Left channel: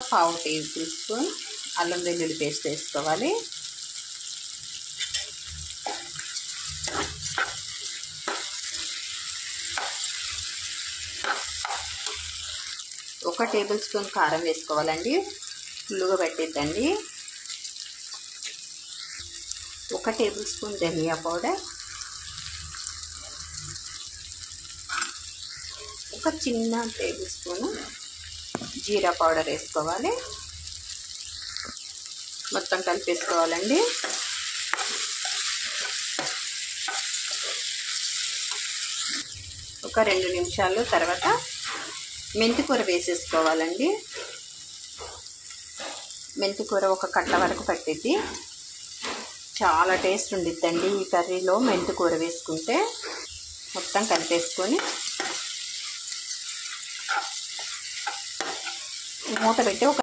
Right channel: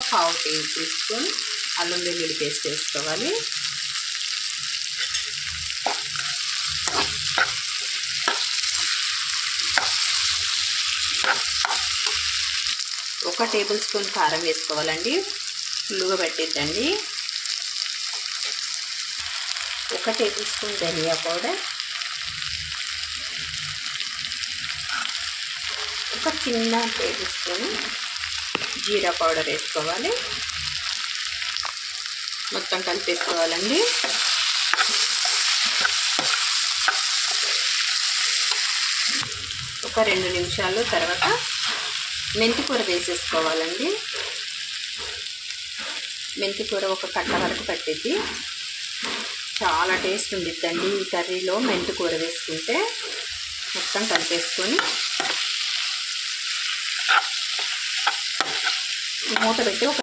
పావు table spoon అల్లం వెల్లుల్లి పేస్ట్ వేసుకోవాలి. ఒక టేబుల్ స్పూన్ కారం వేసుకోవాలండి, ఫుల్లుగా పెట్టిద్దండి. ఒక టేబుల్ స్పూన్ ధనియా పౌడర్, ఒక చిన్న టేబుల్ స్పూన్ జీరా పౌడర్ వేసుకోవాలి. మొత్తం కలిపేసుకోవాలండి. ఒక 2 నిమిషాలు తర్వాత మెంతికూర వేసేసుకోవాలండి. మెంతికూర ఒక కట్ట వరకు పట్టిద్ది. చాలా టేస్ట్ ఉండిద్దండి ఈ కర్రీలో మెంతికూర వేసుకుంటే. మొత్తం కలిపేసుకొని మూత పెట్టి